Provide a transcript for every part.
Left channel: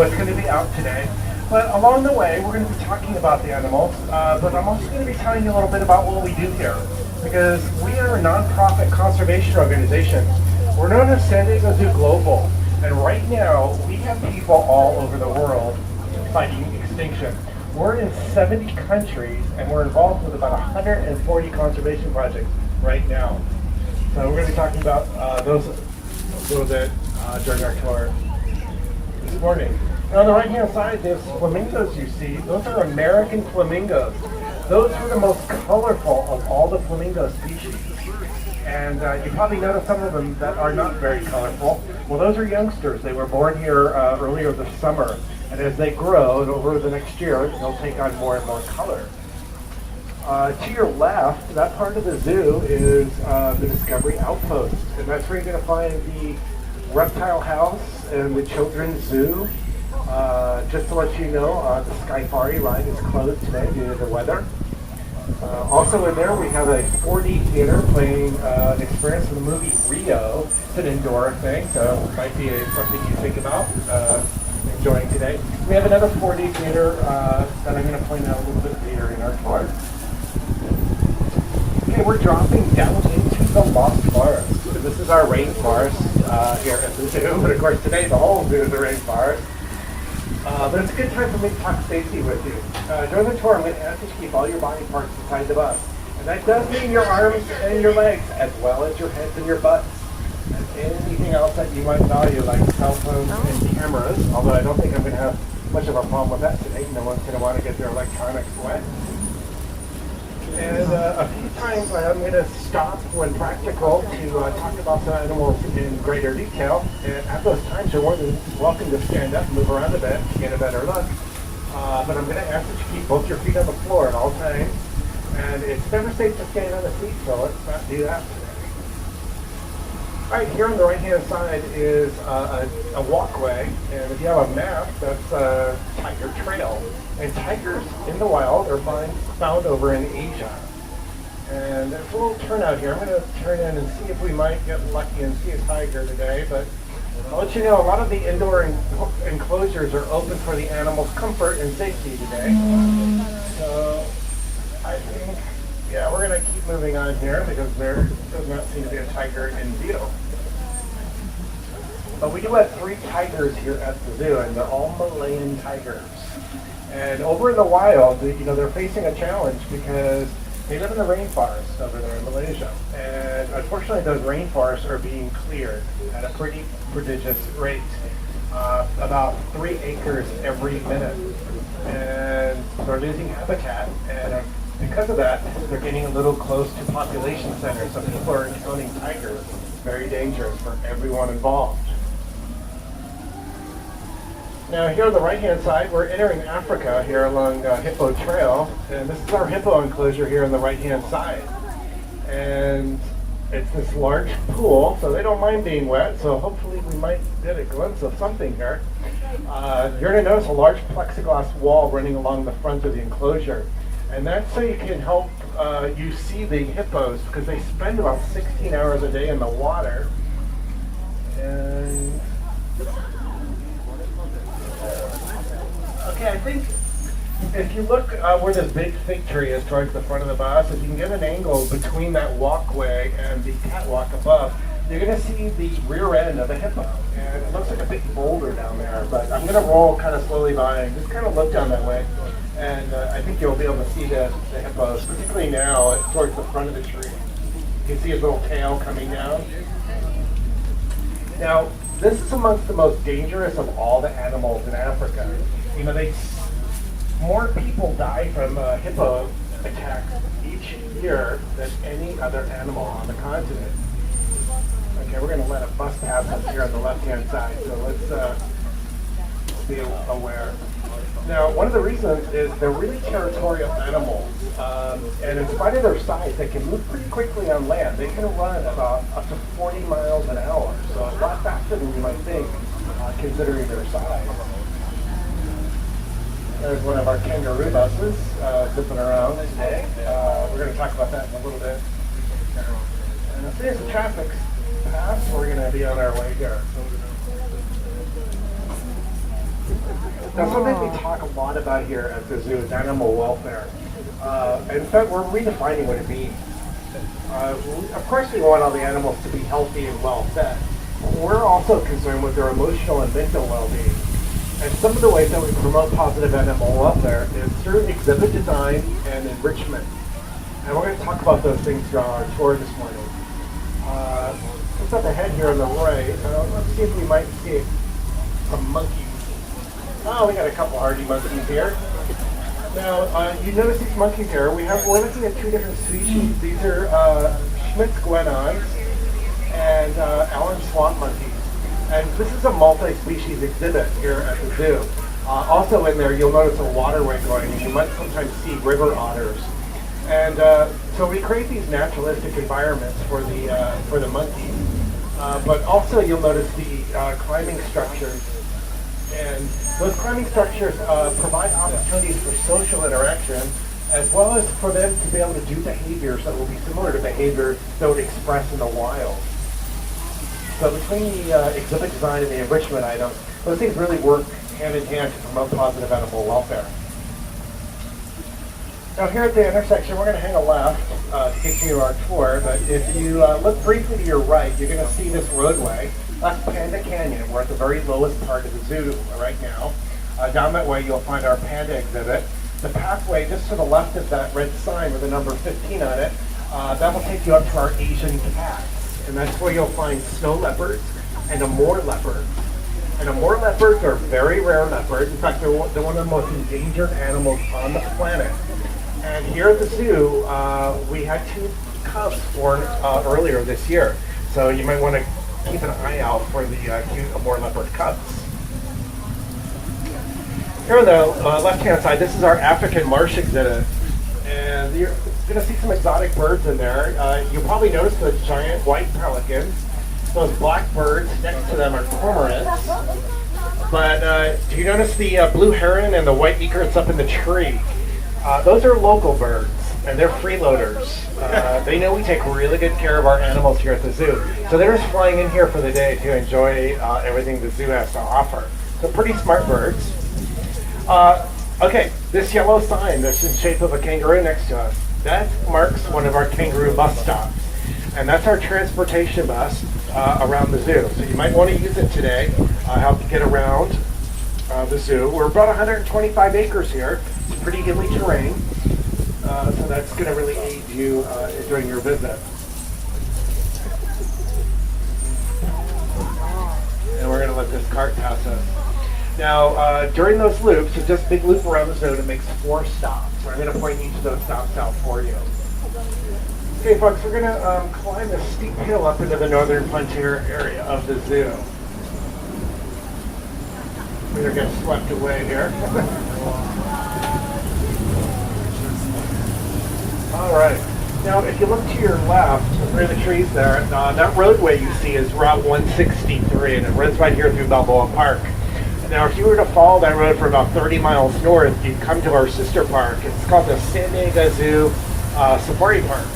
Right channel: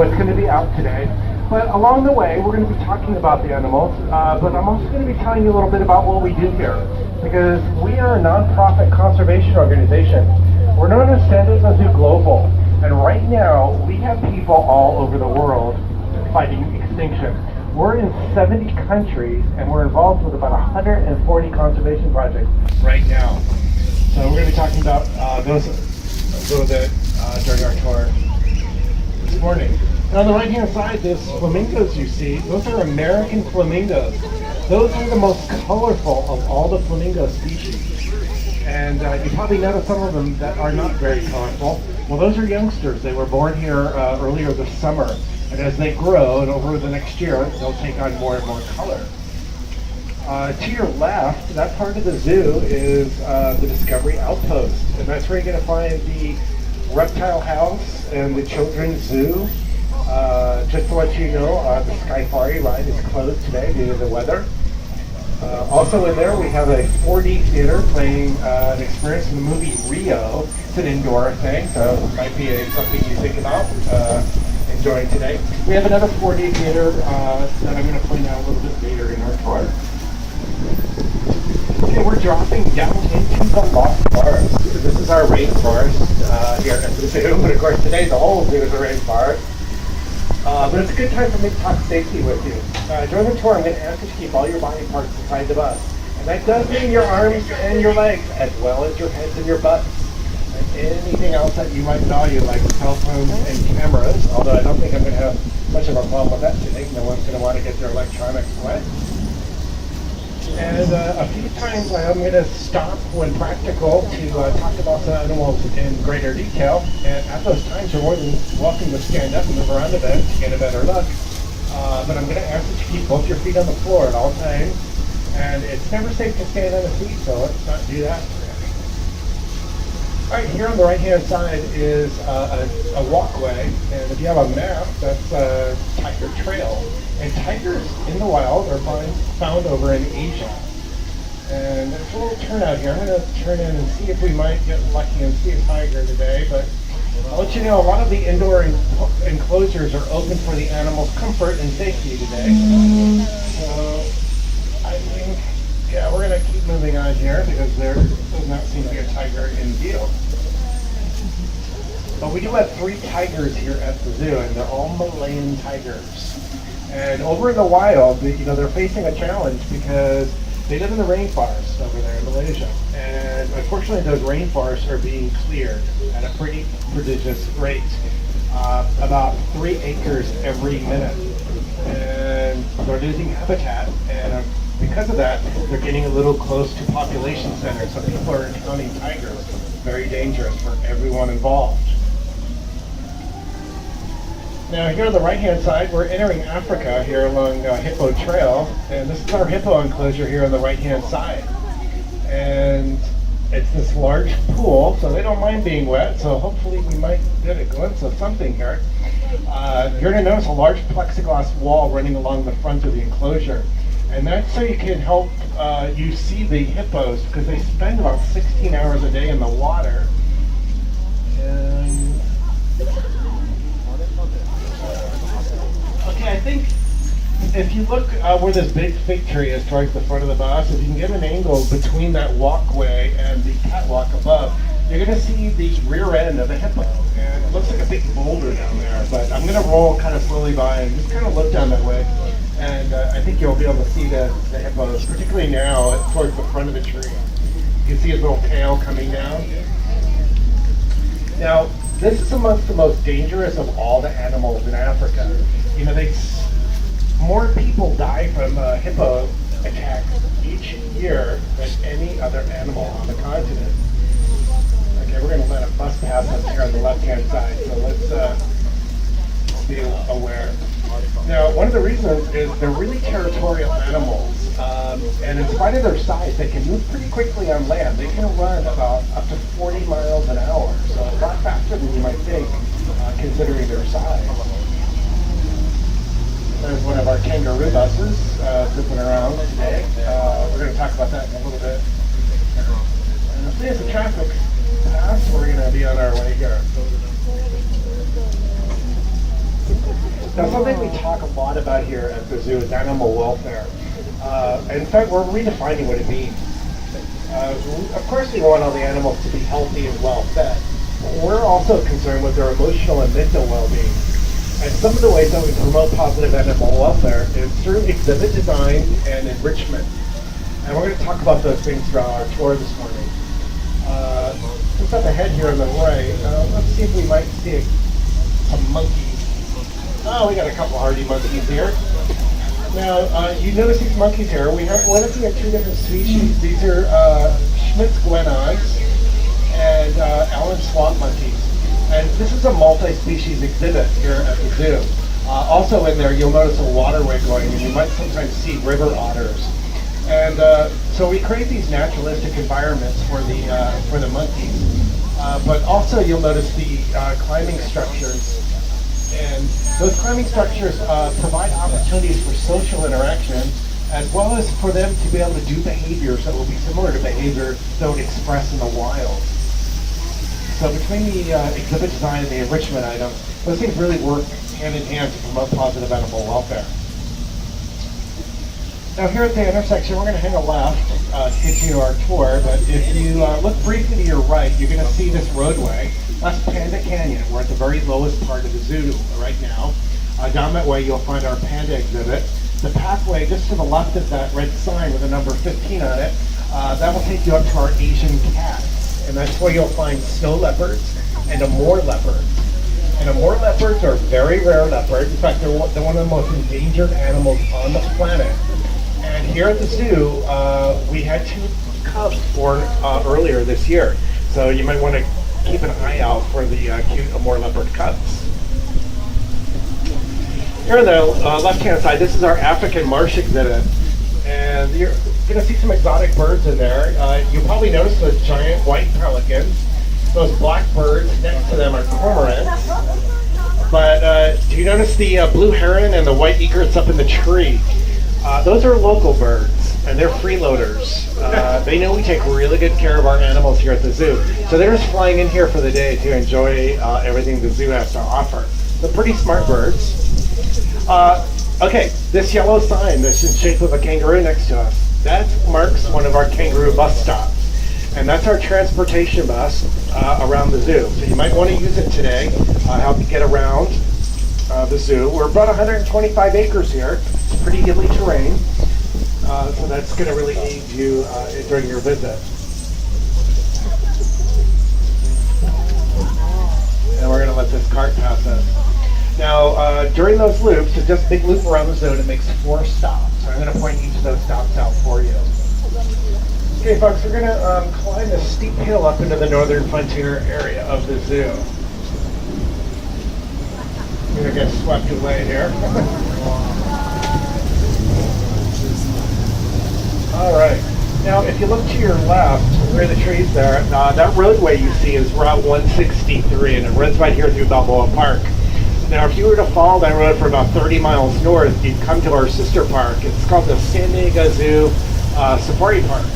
what's going to be out today. But along the way, we're going to be talking about the animals, but I'm also going to be telling you a little bit about what we do here, because we are a nonprofit conservation organization. We're known as San Diego Zoo Global, and right now we have people all over the world fighting extinction. We're in 70 countries, and we're involved with about 140 conservation projects right now. So we're going to be talking about those a little bit during our tour this morning. And on the right-hand side, those flamingos you see, those are American flamingos. Those are the most colorful of all the flamingo species. And you probably noticed some of them that are not very colorful. Well, those are youngsters. They were born here earlier this summer. And as they grow, and over the next year, they'll take on more and more color. To your left, that part of the zoo is the Discovery Outpost. And that's where you're going to find the reptile house and the children's zoo. Just to let you know, the Skyfari ride is closed today due to the weather. Also in there, we have a 4D theater playing an experience from the movie Rio. It's an indoor thing, so it might be something you think about enjoying today. We have another 4D theater that I'm going to point out a little bit later in our tour. Okay, we're dropping down into the Lost Forest. This is our rainforest here at the zoo, but of course today the whole zoo is a rainforest. But it's a good time for me to talk safety with you. During the tour, I'm going to ask you to keep all your body parts inside the bus. And that does mean your arms and your legs, as well as your heads and your butts. And anything else that you might value, like cell phones and cameras, although I don't think I'm going to have much of a problem with that today. No one's going to want to get their electronics wet. And a few times I'm going to stop when practical to talk about the animals in greater detail. And at those times, you're more than welcome to stand up and move around a bit to get a better look. But I'm going to ask that you keep both your feet on the floor at all times. And it's never safe to stand on a seat, so let's not do that. All right, here on the right-hand side is a walkway, and if you have a map, that's Tiger Trail. And tigers in the wild are found over in Asia. And there's a little turnout here. I'm going to turn in and see if we might get lucky and see a tiger today. But I'll let you know, a lot of the indoor enclosures are open for the animals' comfort and safety today. So I think, yeah, we're going to keep moving on here because there does not seem to be a tiger in view. But we do have 3 tigers here at the zoo, and they're all Malayan tigers. And over in the wild, they're facing a challenge because they live in the rainforest over there in Malaysia. And unfortunately, those rainforests are being cleared at a pretty prodigious rate, about 3 acres every minute. And they're losing habitat, and because of that, they're getting a little close to population centers. So people are encountering tigers. Very dangerous for everyone involved. Now here on the right-hand side, we're entering Africa here along Hippo Trail, and this is our hippo enclosure here on the right-hand side. And it's this large pool, so they don't mind being wet, so hopefully we might get a glimpse of something here. You're going to notice a large plexiglass wall running along the front of the enclosure, and that's so you can help you see the hippos, because they spend about 16 hours a day in the water. And okay, I think if you look where this big fig tree is towards the front of the bus, if you can get an angle between that walkway and the catwalk above, you're going to see the rear end of a hippo. And it looks like a big boulder down there, but I'm going to roll kind of slowly by and just kind of look down that way. And I think you'll be able to see the hippos, particularly now towards the front of the tree. You can see his little tail coming down. Now, this is amongst the most dangerous of all the animals in Africa. More people die from hippo attacks each year than any other animal on the continent. Okay, we're going to let a bus pass us here on the left-hand side, so let's be aware. Now, one of the reasons is they're really territorial animals, and in spite of their size, they can move pretty quickly on land. They can run about up to 40 miles an hour, so a lot faster than you might think, considering their size. There's one of our kangaroo buses zipping around today. We're going to talk about that in a little bit. And if there's a traffic pass, we're going to be on our way here. Now, something we talk a lot about here at the zoo is animal welfare. In fact, we're redefining what it means. Of course, we want all the animals to be healthy and well fed. We're also concerned with their emotional and mental well-being. And some of the ways that we promote positive animal welfare is through exhibit design and enrichment. And we're going to talk about those things throughout our tour this morning. Just up ahead here on the right, let's see if we might see some monkeys. Oh, we got a couple hardy monkeys here. Now, you notice these monkeys here. We're looking at two different species. These are Schmidt's guenons and Allen swamp monkeys. And this is a multi-species exhibit here at the zoo. Also in there, you'll notice a waterway going, and you might sometimes see river otters. And so we create these naturalistic environments for the monkeys. But also you'll notice the climbing structures. And those climbing structures provide opportunities for social interaction, as well as for them to be able to do behaviors that will be similar to behavior that would express in the wild. So between the exhibit design and the enrichment items, those things really work hand in hand to promote positive animal welfare. Now here at the intersection, we're going to hang a left to get you our tour, but if you look briefly to your right, you're going to see this roadway. That's Panda Canyon. We're at the very lowest part of the zoo right now. Down that way, you'll find our panda exhibit. The pathway just to the left of that red sign with the number 15 on it, that will take you up to our Asian cats. And that's where you'll find snow leopards and Amur leopards. And Amur leopards are very rare leopards. In fact, they're one of the most endangered animals on the planet. And here at the zoo, we had 2 cubs born earlier this year. So you might want to keep an eye out for the cute Amur leopard cubs. Here on the left-hand side, this is our African marsh exhibit. And you're going to see some exotic birds in there. You'll probably notice the giant white pelicans. Those black birds next to them are cormorants. But do you notice the blue heron and the white egrets up in the tree? Those are local birds, and they're freeloaders. They know we take really good care of our animals here at the zoo. So they're just flying in here for the day to enjoy everything the zoo has to offer. They're pretty smart birds. Okay, this yellow sign that's in shape of a kangaroo next to us, that marks one of our kangaroo bus stops. And that's our transportation bus around the zoo. So you might want to use it today, help you get around the zoo. We're about 125 acres here. It's pretty hilly terrain. So that's going to really aid you during your visit. And we're going to let this cart pass us. Now, during those loops, it's just a big loop around the zoo, and it makes 4 stops. So I'm going to point each of those stops out for you. Okay, folks, we're going to climb this steep hill up into the northern frontier area of the zoo. We're going to get swept away here. All right. Now, if you look to your left, where the trees there, that roadway you see is Route 163, and it runs right here through Balboa Park. Now, if you were to follow that road for about 30 miles north, you'd come to our sister park. It's called the San Diego Zoo Safari Park.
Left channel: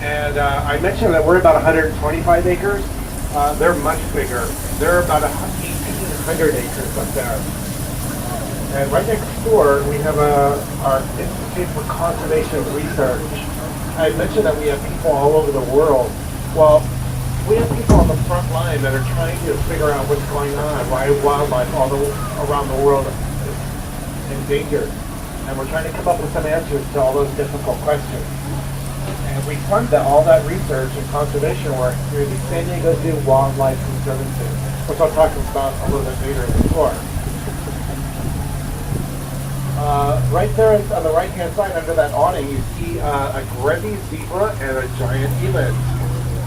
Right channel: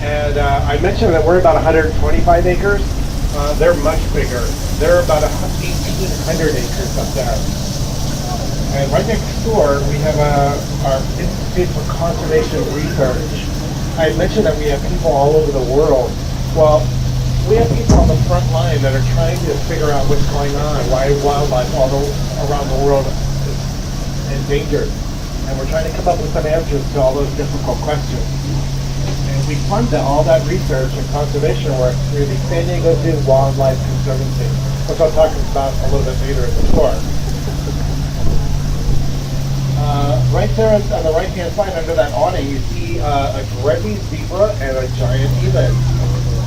And I mentioned that we're about 125 acres. They're much bigger. They're about 1,800 acres up there. And right next door, we have our Institute for Conservation Research. I mentioned that we have people all over the world. Well, we have people on the front line that are trying to figure out what's going on, why wildlife all around the world is endangered. And we're trying to come up with some answers to all those difficult questions. And we fund all that research and conservation work through the San Diego Zoo Wildlife Conservancy, which I'll talk about a little bit later in the tour. Right there on the right-hand side under that awning, you see a Grevy zebra and a giant eland.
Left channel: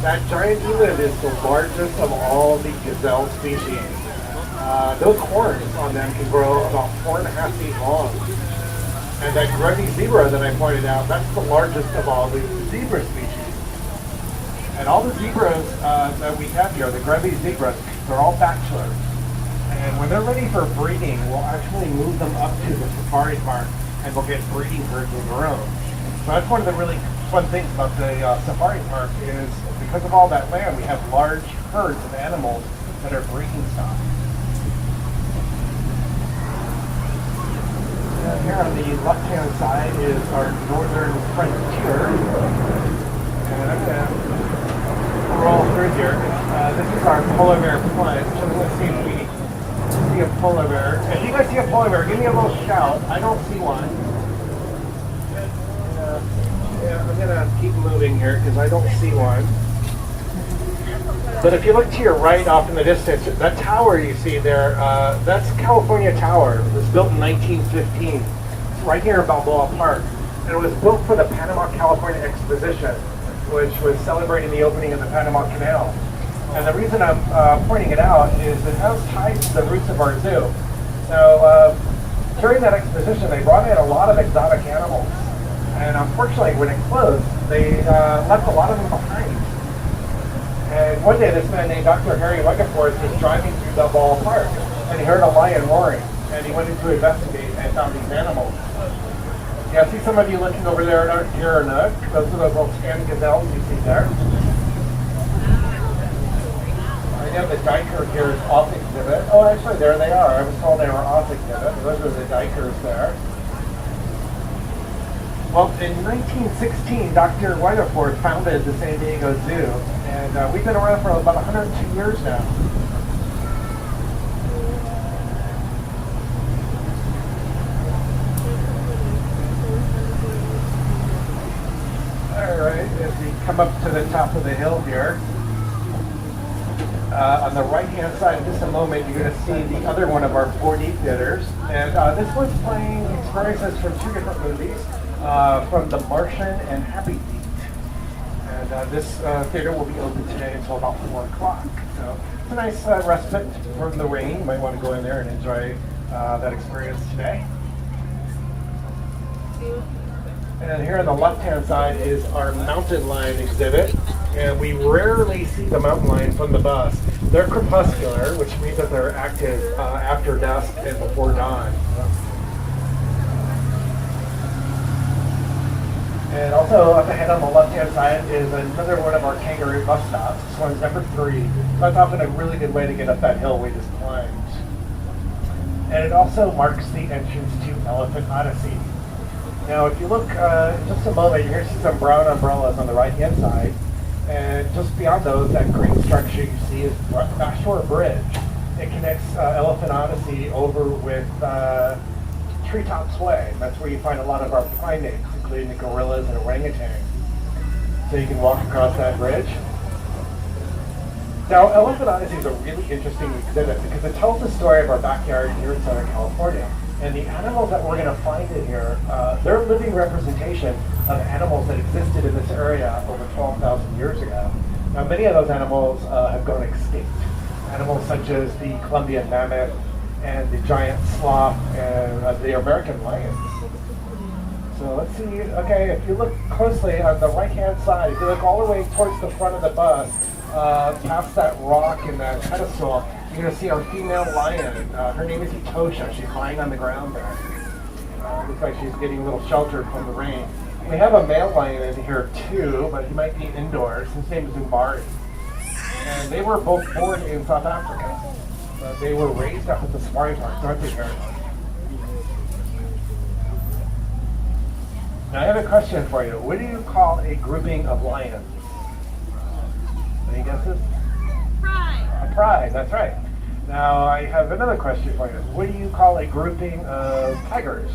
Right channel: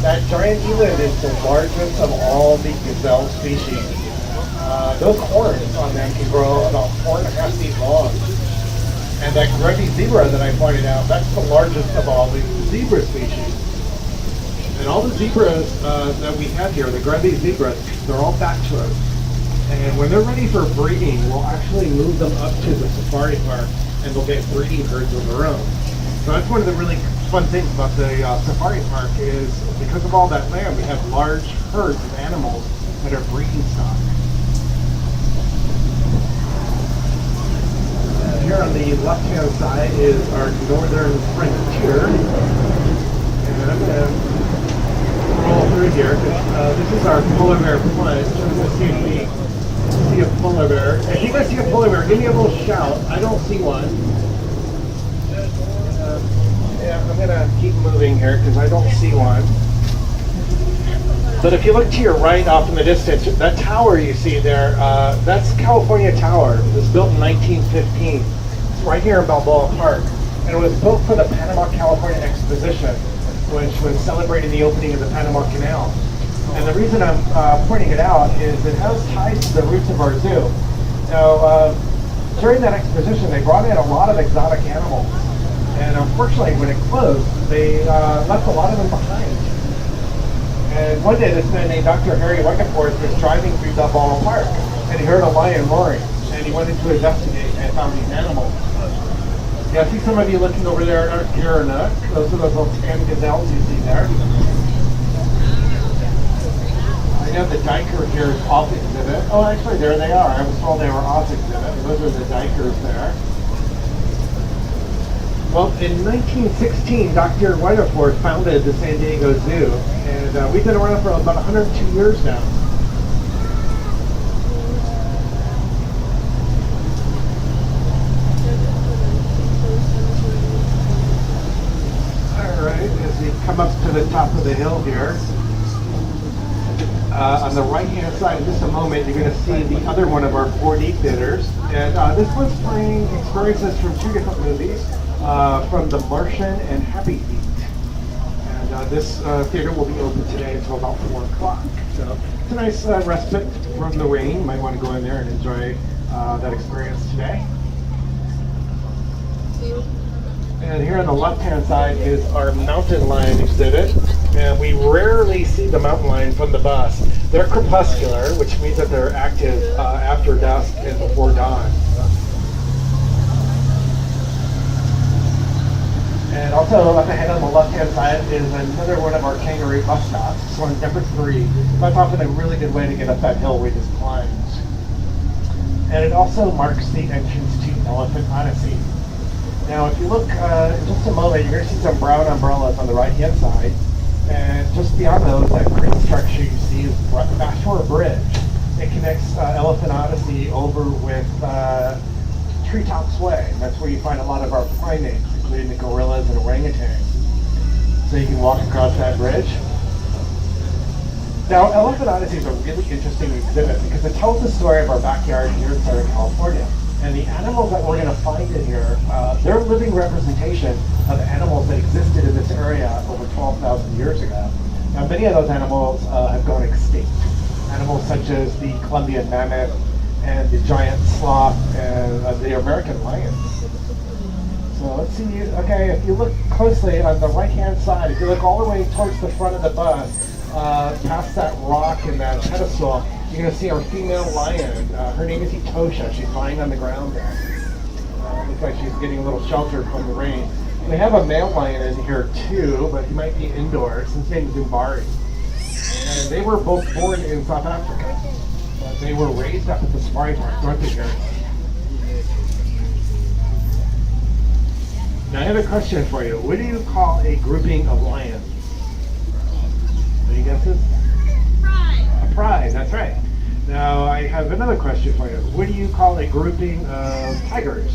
That giant eland is the largest of all the gazelle species. Those horns on them can grow about 4.5 feet long. And that Grevy zebra that I pointed out, that's the largest of all the zebra species. And all the zebras that we have here, the Grevy zebras, they're all bachelors. And when they're ready for breeding, we'll actually move them up to the safari park and we'll get breeding herds of their own. So that's one of the really fun things about the safari park is because of all that land, we have large herds of animals that are breeding stock. here on the left-hand side is our northern frontier. And I'm going to roll through here. This is our polar bear plunge. Let's see if we see a polar bear. If you guys see a polar bear, give me a little shout. I don't see one. Yeah, I'm going to keep moving here because I don't see one. But if you look to your right off in the distance, that tower you see there, that's California Tower. It was built in 1915. It's right here in Balboa Park. And it was built for the Panama California Exposition, which was celebrating the opening of the Panama Canal. And the reason I'm pointing it out is it has ties to the roots of our zoo. Now, during that exposition, they brought in a lot of exotic animals. And unfortunately, when it closed, they left a lot of them behind. And one day, this man named Dr. Harry Rutherford was driving through Balboa Park, and he heard a lion roaring, and he went in to investigate and found these animals. Yeah, I see some of you looking over there at Gerenuk. Those are those little tan gazelles you see there. I know the Diker here is off exhibit. Oh, actually, there they are. I was told they were off exhibit. Those are the Dikers there. Well, in 1916, Dr. Rutherford founded the San Diego Zoo, and we've been around for about 102 years now. All right, as we come up to the top of the hill here, on the right-hand side, in just a moment, you're going to see the other one of our 4D theaters, and this one's playing experiences from two different movies. From The Martian and Happy Feet. And this theater will be open today until about 4 o'clock. So it's a nice respite from the rain. You might want to go in there and enjoy that experience today. And here on the left-hand side is our mountain lion exhibit. And we rarely see the mountain lion from the bus. They're crepuscular, which means that they're active after dusk and before dawn. And also up ahead on the left-hand side is another one of our kangaroo bus stops. This one's number 3. That's often a really good way to get up that hill we just climbed. And it also marks the entrance to Elephant Odyssey. Now, if you look in just a moment, you're going to see some brown umbrellas on the right-hand side. And just beyond those, that green structure you see is Bashore Bridge. It connects Elephant Odyssey over with Treetops Way. That's where you find a lot of our primates, including the gorillas and orangutans. So you can walk across that bridge. Now, Elephant Odyssey is a really interesting exhibit because it tells the story of our backyard here in Southern California. And the animals that we're going to find in here, they're a living representation of animals that existed in this area over 12,000 years ago. Now, many of those animals have gone extinct. Animals such as the Columbian mammoth, and the giant sloth, and the American lion. So let's see, okay, if you look closely on the right-hand side, if you look all the way towards the front of the bus, past that rock and that pedestal, you're going to see our female lion. Her name is Etosha. She's lying on the ground there. Looks like she's getting a little shelter from the rain. We have a male lion in here too, but he might be indoors. His name is Umbari. And they were both born in South Africa. But they were raised up at the safari park, aren't they, Jeremy? Now I have a question for you. What do you call a grouping of lions? Any guesses? Pride. A pride, that's right. Now I have another question for you. What do you call a grouping of tigers?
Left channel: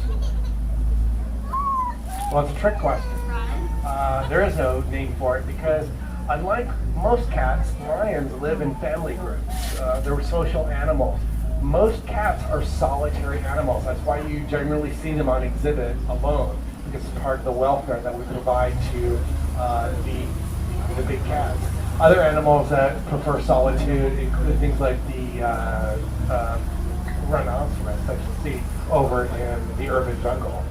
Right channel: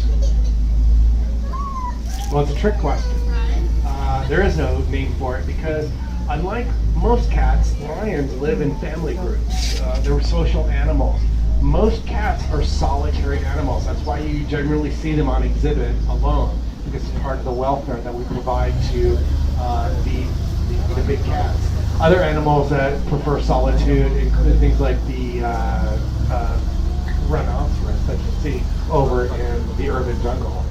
Well, it's a trick question. There is no name for it because unlike most cats, lions live in family groups. They're social animals. Most cats are solitary animals. That's why you generally see them on exhibit alone, because it's part of the welfare that we provide to the big cats. Other animals that prefer solitude include things like the rhinoceros that you see over in the urban jungle.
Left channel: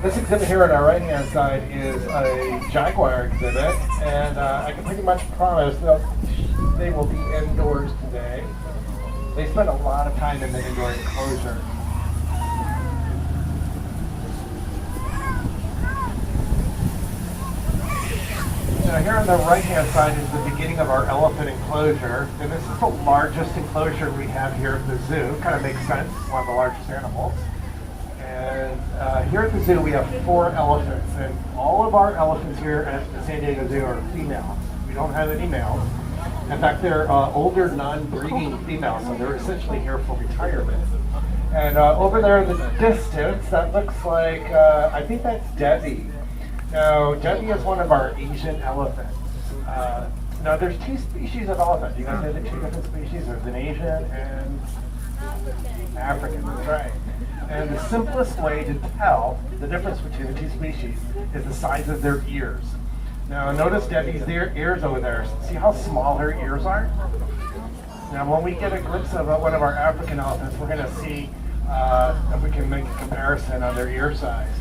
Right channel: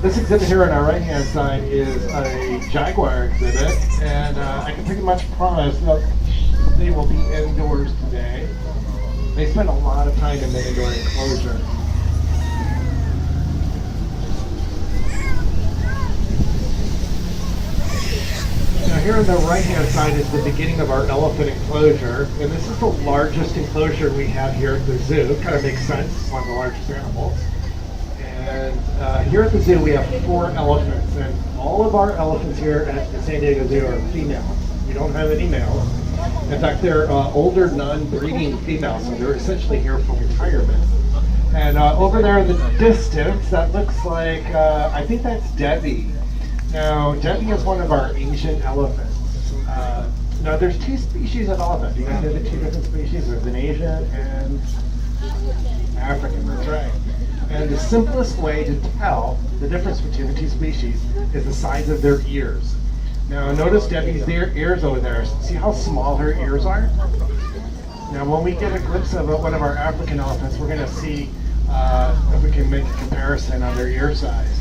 This exhibit here on our right-hand side is a jaguar exhibit, and I can pretty much promise they will be indoors today. They spend a lot of time in the indoor enclosure. Now here on the right-hand side is the beginning of our elephant enclosure, and this is the largest enclosure we have here at the zoo. It kind of makes sense, it's one of the largest animals. And here at the zoo, we have 4 elephants, and all of our elephants here at the San Diego Zoo are females. We don't have any males. In fact, they're older, non-breeding females, so they're essentially here for retirement. And over there in the distance, that looks like, I think that's Debbie. Now, Debbie is one of our Asian elephants. Now, there's 2 species of elephant. You guys know the 2 different species? There's an Asian and African, that's right. And the simplest way to tell the difference between the 2 species is the size of their ears. Now notice Debbie's ears over there. See how small her ears are? Now when we get a glimpse of one of our African elephants, we're going to see if we can make a comparison on their ear size.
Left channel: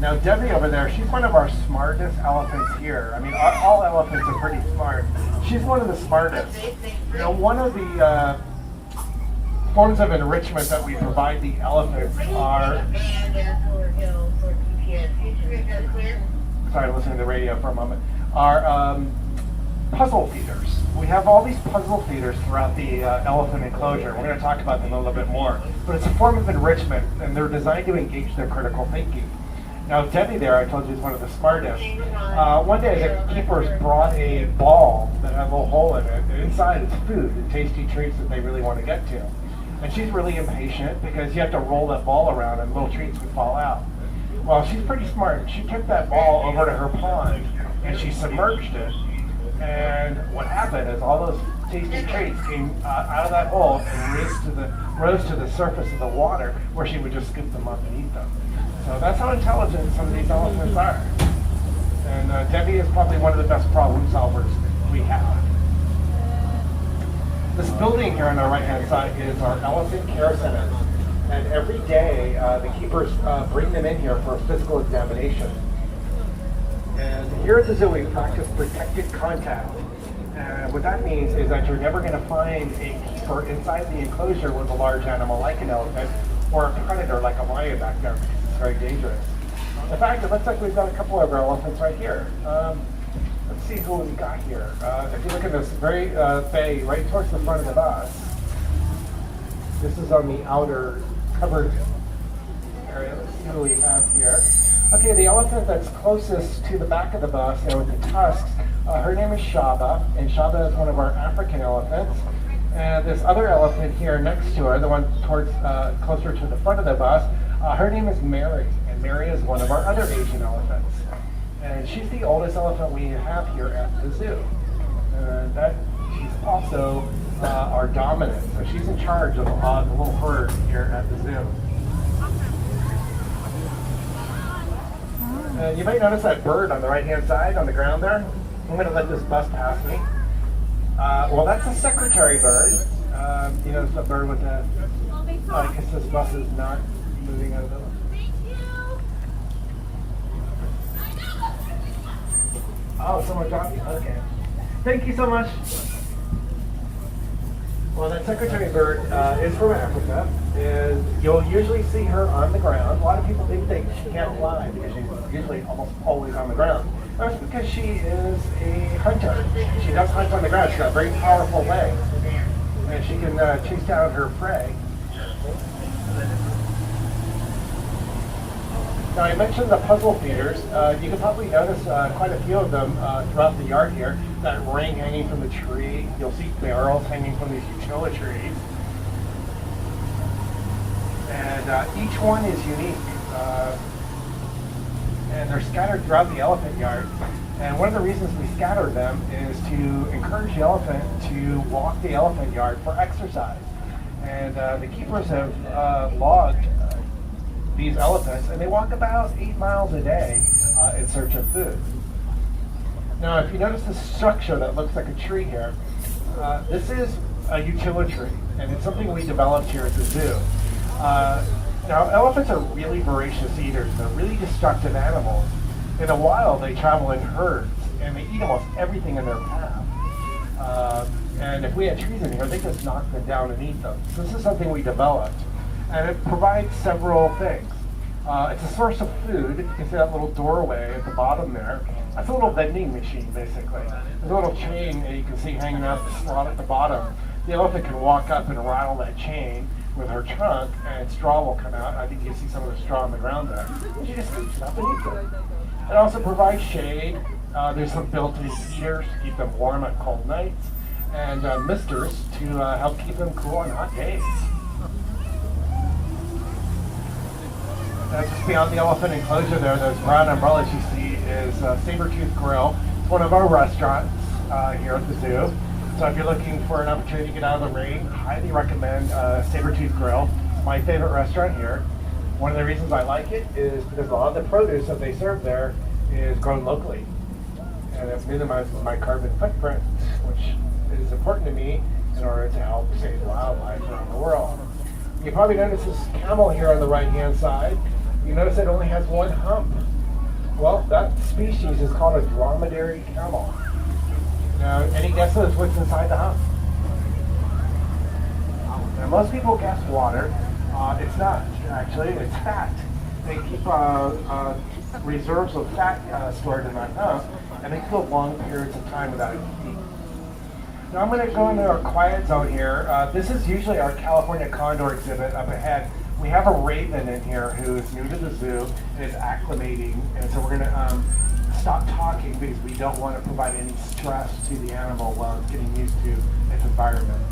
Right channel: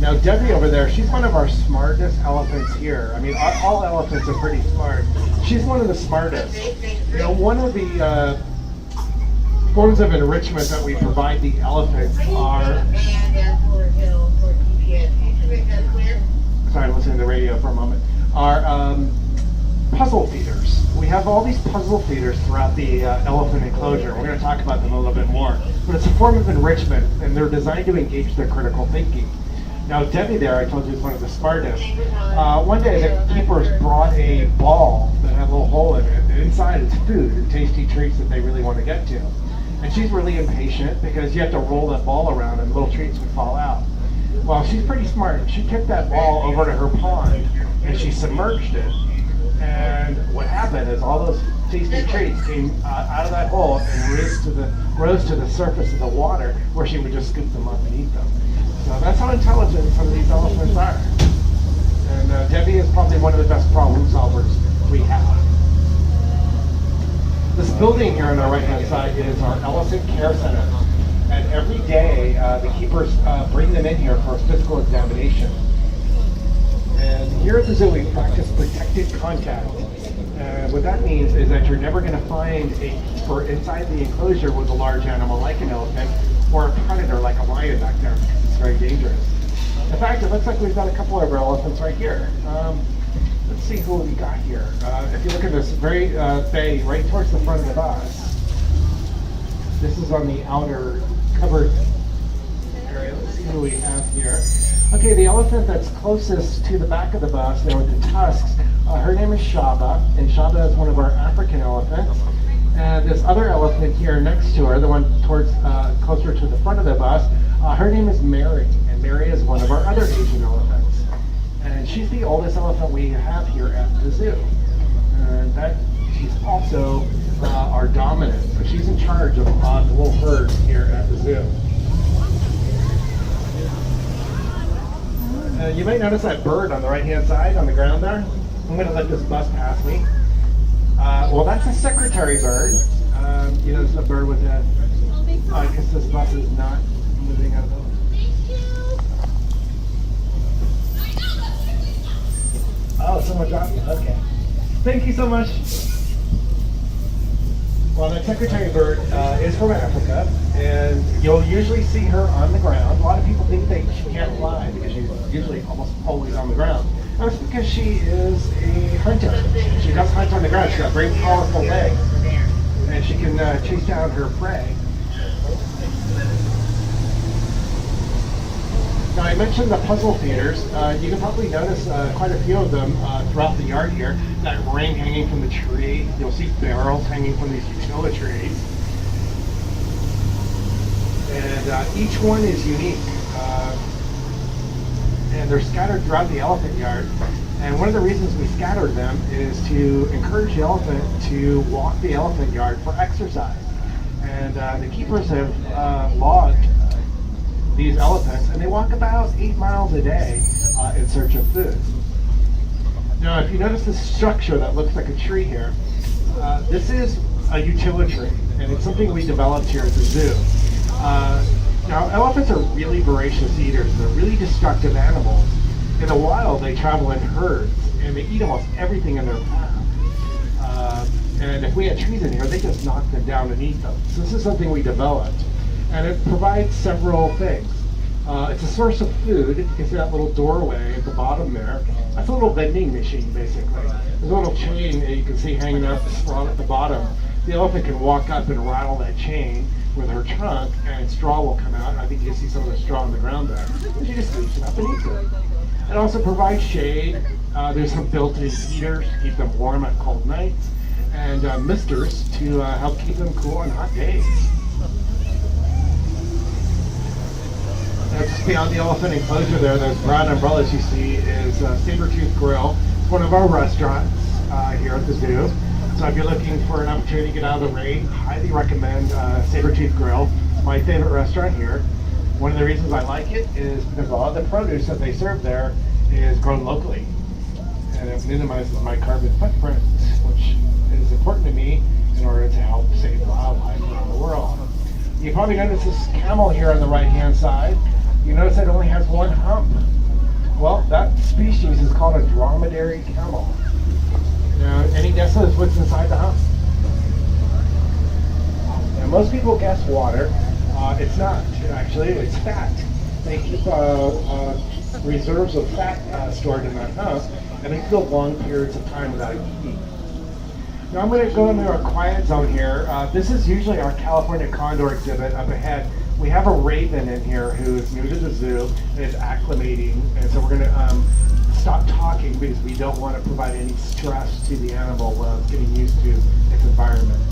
Now Debbie over there, she's one of our smartest elephants here. I mean, all elephants are pretty smart. She's one of the smartest. You know, one of the forms of enrichment that we provide the elephants are... Sorry, I'm listening to the radio for a moment. Are puzzle feeders. We have all these puzzle feeders throughout the elephant enclosure. We're going to talk about them a little bit more. But it's a form of enrichment, and they're designed to engage their critical thinking. Now, Debbie there, I told you, is one of the smartest. One day, the keepers brought a ball that had a little hole in it, and inside it's food and tasty treats that they really want to get to. And she's really impatient because you have to roll that ball around and little treats would fall out. Well, she's pretty smart. She took that ball over to her pond and she submerged it. And what happened is all those tasty treats came out of that hole and rose to the surface of the water where she would just scoop them up and eat them. So that's how intelligent some of these elephants are. And Debbie is probably one of the best problem solvers we have. This building here on the right-hand side is our Elephant Care Center. And every day, the keepers bring them in here for a physical examination. And here at the zoo, we practice protected contact. And what that means is that you're never going to find a keeper inside the enclosure with a large animal like an elephant or a predator like a lion back there, because it's very dangerous. In fact, it looks like we've got a couple of our elephants right here. Let's see who we got here. If you look at this very bay right towards the front of the bus, this is on the outer covered area. Let's see who we have here. Okay, the elephant that's closest to the back of the bus there with the tusks, her name is Shaba, and Shaba is one of our African elephants. And this other elephant here next to her, the one towards closer to the front of the bus, her name is Mary, and Mary is one of our other Asian elephants. And she's the oldest elephant we have here at the zoo. And she's also our dominant, so she's in charge of the little herd here at the zoo. You might notice that bird on the right-hand side on the ground there. I'm going to let this bus pass me. Well, that's a secretary bird. You know, it's a bird with a... because this bus is not moving out of the way. Oh, someone dropped it. Okay. Thank you so much. Well, that secretary bird is from Africa, and you'll usually see her on the ground. A lot of people think she can't fly because she's usually almost always on the ground. That's because she is a hunter. She does hunt on the ground. She's got very powerful legs, and she can chase down her prey. Now, I mentioned the puzzle feeders. You can probably notice quite a few of them throughout the yard here. That ring hanging from the tree. You'll see barrels hanging from these utility trees. And each one is unique. And they're scattered throughout the elephant yard. And one of the reasons we scatter them is to encourage the elephant to walk the elephant yard for exercise. And the keepers have logged these elephants, and they walk about 8 miles a day in search of food. Now, if you notice this structure that looks like a tree here, this is a utility tree, and it's something we developed here at the zoo. Now, elephants are really voracious eaters. They're really destructive animals. In the wild, they travel in herds, and they eat almost everything in their path. And if we had trees in here, they just knock them down and eat them. So this is something we developed. And it provides several things. It's a source of food. You can see that little doorway at the bottom there. That's a little vending machine, basically. There's a little chain that you can see hanging out the slot at the bottom. the elephant can walk up and rattle that chain with her trunk, and straw will come out. I think you can see some of the straw on the ground there. And she just eats it up and eats it. It also provides shade. There's some built-in heaters to keep them warm on cold nights, and misters to help keep them cool on hot days. Now, just beyond the elephant enclosure there, those brown umbrellas you see is Sabertooth Grill. It's one of our restaurants here at the zoo. So if you're looking for an opportunity to get out of the rain, highly recommend Sabertooth Grill. It's my favorite restaurant here. One of the reasons I like it is because a lot of the produce that they serve there is grown locally. And it minimizes my carbon footprint, which is important to me in order to help save wildlife around the world. You probably notice this camel here on the right-hand side. You notice it only has one hump. Well, that species is called a dromedary camel. Now, any guesses what's inside the hump? Now, most people guess water. It's not, actually, it's fat. They keep reserves of fat stored in that hump, and they go long periods of time without eating. Now I'm going to go into our quiet zone here. This is usually our California condor exhibit up ahead. We have a raven in here who is new to the zoo and is acclimating, and so we're going to stop talking because we don't want to provide any stress to the animal while it's getting used to its environment.